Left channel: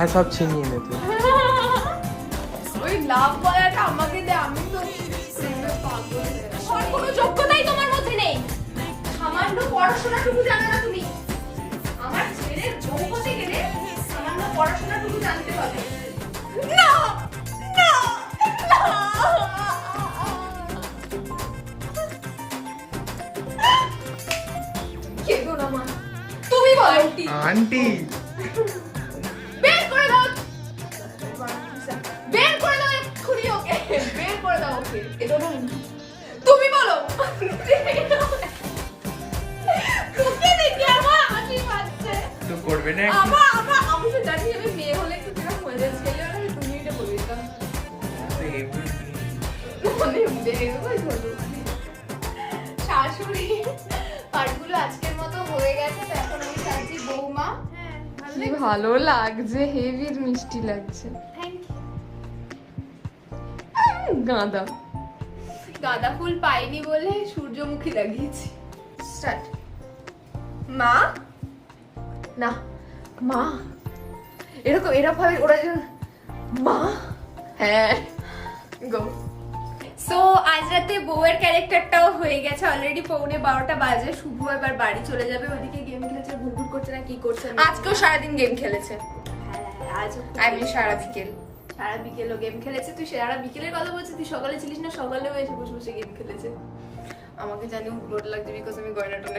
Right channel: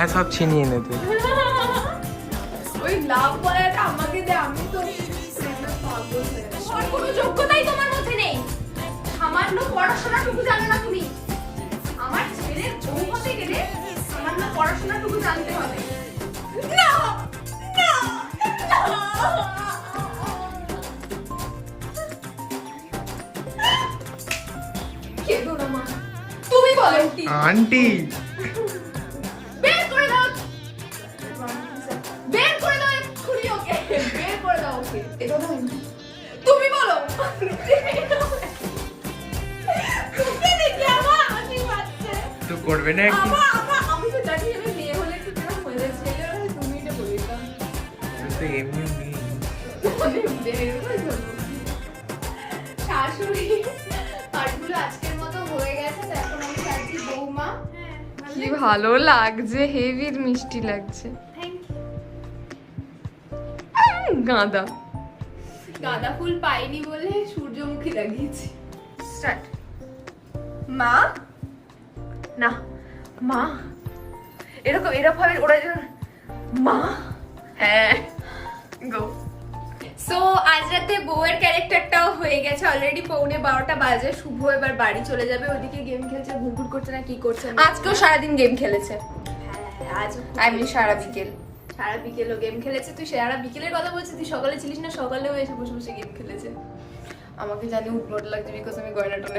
হ্যাঁ সব ছিনিয়ে নেবে। ওই লাভ বলাটা আমাকে দে, আমি তো পাগল হয়ে গেছি। তোমার কোনো যোগ্যতাই তোমার মধ্যে নেই, সামান্য পড়াশোনাটুকু জানো না তুমি। আমার ছেলের বউ হতে গেলে সামান্য পড়াশোনাটুকু জানতে হবে। না না কেঁদো না মা, তুমি বলো। আন্টি বের করে দাও, বের করে দাও এক্ষুনি ওকে, বের করে দাও ওকে। কেঁদো না, তুমি বলো। তোকে দেখি আমার হাসি পাচ্ছে। তো করবে না একটু? আমি তো জানি আমি মেয়ে হলে একটু কিরকম হয়ে যায়, ছেলে হলে তুমি এটা বলে দিতাম। তো এমনি অনেক বের হয়ে গেল। শাশুড়ি পাঠগুলো আজকের মতো হয়ে গেছে, তো এখন আমি যাচ্ছি বৌমা। কি ভালো লাগছে, হেভি মিষ্টি লাগছে। থ্যাংক গাঁদা গাঁদা ফুল পাইনি বলে সূর্যমুখী লাগিয়েছি। স্টার্ট। মা না, মা এরকম ভাবে ওরা যেন মা। হ্যাঁ গো। সো আজ রাতে বউয়ের ক্যারেক্টারটাও হয়ে গেছে অলরেডি। 11:45 বাজে। শুভ এবার বাড়ি চলে যাবে, ওইদিকে গেম খেলছে, ঘুরঘুর করছে না কি করছে। আজকেও সারাদিন গেম খেলেছে। হ্যাঁ আজও আমি সারা বিকেলও গেম খেলেছে। তুই সারা বিকেলের কথা বলছিস, তুই সকালে ছিলিস না? সকালেও এসে বসে বসে গেম খেলেছে। আমাকে জানি উঠবোট লাগছে বিকজ আমি গয়না টনে